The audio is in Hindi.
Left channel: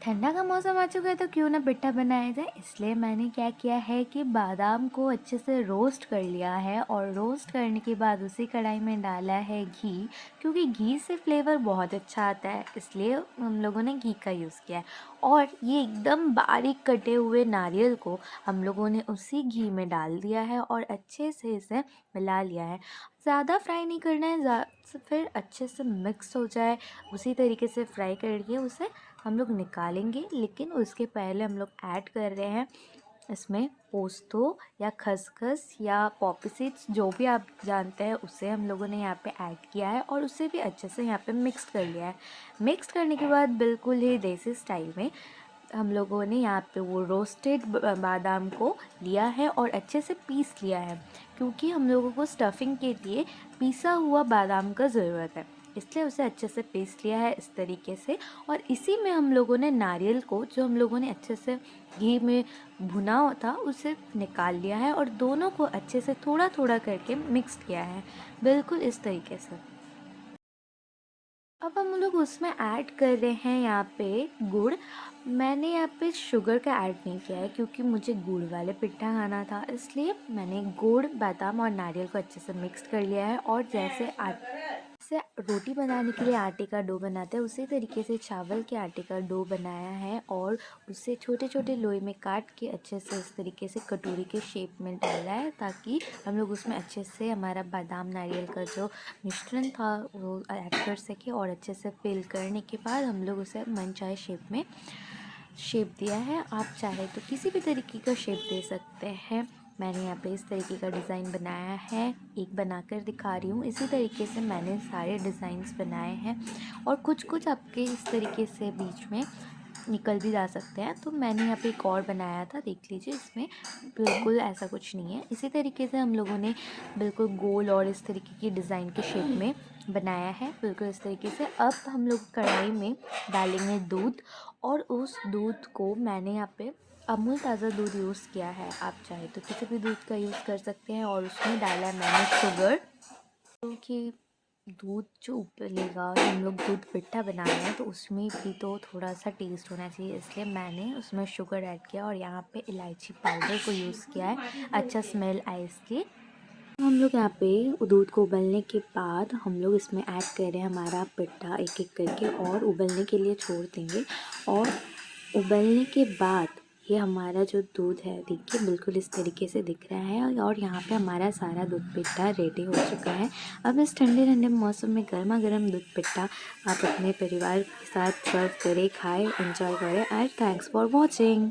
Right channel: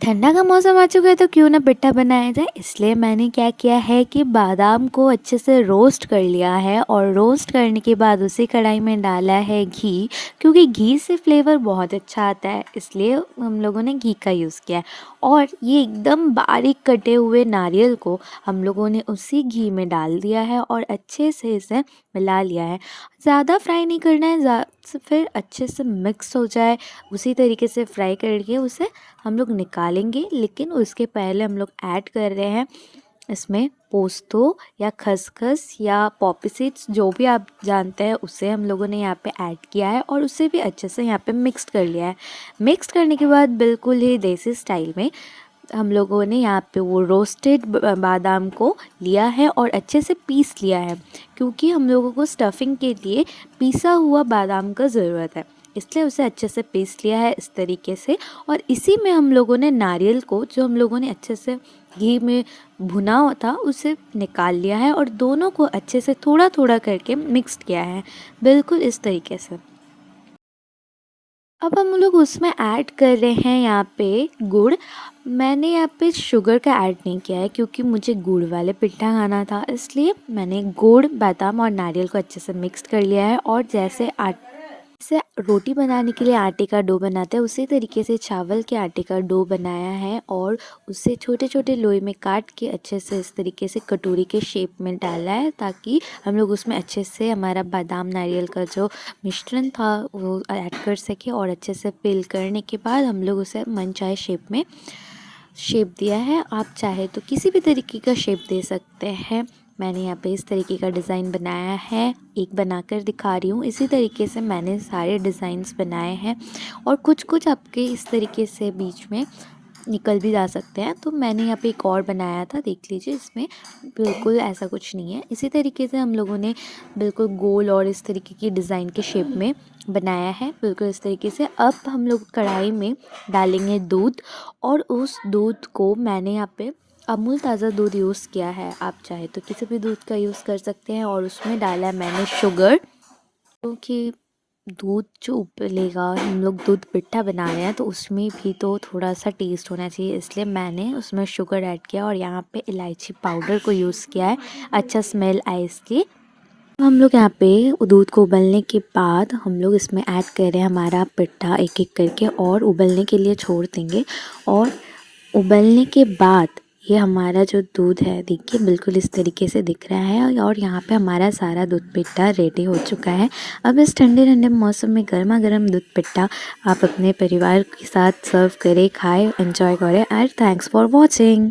ठंडा का मौसम आ चुका है तो क्यों ना पिट्ठा बनाया जाए। इसलिए मैंने क्या किया है कि बादाम को अच्छे से रोस्ट कर लिया है और रोस्ट करने के बाद उसी कढ़ाई में डाला है घी, क्योंकि घी से फ्लेवर बहुत अच्छा आता है, इसलिए हम लोगों ने घी का यूज़ किया है। और ये एकदम बारीक कटे हुए नारियल को हम लोगों ने उसी घी में डाल दिया है और अच्छे से इसे मिला लिया है। ज़्यादा फ्राई नहीं करना है, फिर अच्छे से मिक्स हो जाए उसी तरीके से फ्राई करके उसे हम लोग निकालेंगे। लेकिन उसके पहले हम लोग ऐड कर रहे हैं इसमें पोस्तो या खसखस या पॉपी सीड्स, जो भी आप जानते हैं उसे हम लोगों ने यहाँ पे ऐड किया है और उसे भी अच्छे से यहाँ पे मिक्स कर लिया है। मिक्स करने के बाद बिल्कुल ही देसी स्टाइल में हम लोगों ने यहाँ पे वो रोस्टेड बादाम को लिया है और अच्छे से पीस लिया है, क्योंकि हम लोगों को स्टफिंग के लिए पीसा हुआ बादाम का ज़रूरत है, इसलिए उसे अच्छे से पीस लिया है इस तरीके से। और इसी में हम लोगों ने नारियल को, जो हम लोगों ने अच्छे से घी में भुना हुआ था, उसे निकाल लिया है और दोनों को अच्छे से थोड़ा थोड़ा करके मिक्स किया है, बिल्कुल इस तरीके से। अब हम लोग उसमें ऐड कर रहे हैं यहाँ पे गुड़। मैंने यहाँ पे शुगर का ऐड नहीं किया है, क्योंकि मुझे गुड़ वाले पिट्ठा खाना था, इसलिए मैंने गुड़, बादाम और नारियल को अच्छे से मिक्स कर लिया है। और जैसे रोटी बनाने के लिए आटे का डो बनाते हैं, उसी तरीके से चावल के आटे का डो बनाया है और उसे छोटे छोटे लोई में काट के अच्छे से इस तरीके से कटोरी के शेप में डाला है, ताकि हम लोग उसमें अच्छे से हमारा बादाम नारियल का जो मिश्रण था वो ऐड कर सके। और अच्छे से फिल करने के बाद हम लोग उसे मनचाहे शेप में शेप दिया है। आप चाहे तो किसी भी तरीके का शेप दे सकते हैं। मैंने यहाँ पे इस तरीके का डिज़ाइन बनाया है, एक बनाकर दिखा रही हूँ। इसी तरीके से मैंने सारे डिज़ाइंस बनाए हैं और कुछ कुछ आपके इस तरीके से बीच में निकल भी जा सकते हैं। तो मैंने यहाँ पे एक और बनाया था, देख लीजिए, इसमें बिल्कुल ऐसा कुछ नहीं है। इसी तरीके से हम लोगों ने बिल्कुल गोल और इस तरीके की डिज़ाइन के शेप में बनाया है, बिल्कुल इस तरीके से। अब हम लोग कढ़ाई में डालेंगे दूध और उस दूध को मैंने यहाँ पे अमूल ताज़ा दूध यूज़ किया है, आप चाहे तो किसी भी दूध का यूज़ कर सकते हैं। और उसमें डाला है मैंने शुगर, क्योंकि दूध जो उबलेगा, हम लोग दूध पिट्ठा बना रहे हैं तो उसमें भी तो थोड़ा सा टेस्ट होना चाहिए, इसलिए मैंने उसमें शुगर ऐड किया और यहाँ पे इलायची पाउडर को यूज़ किया है, अच्छा स्मेल आए इसलिए। हम लोग यहाँ पे दूध को उबलने के बाद हम लोग इसमें ऐड कर रहे हैं हमारा पिट्ठा एक एक करके और उबलने के लिए छोड़ देंगे। और उबलने के बाद ये हमारा जो दूध है, देखिए बिल्कुल इस तरीके से दिख रहा है और यहाँ पे हमारा सारा दूध पिट्ठा रेडी हो चुका है। अब इस ठंडे ठंडे मौसम में गर्मा गर्म दूध पिट्ठा आप अपने परिवार के साथ सर्व करें, खाएं, एंजॉय करें। And thanks for watching.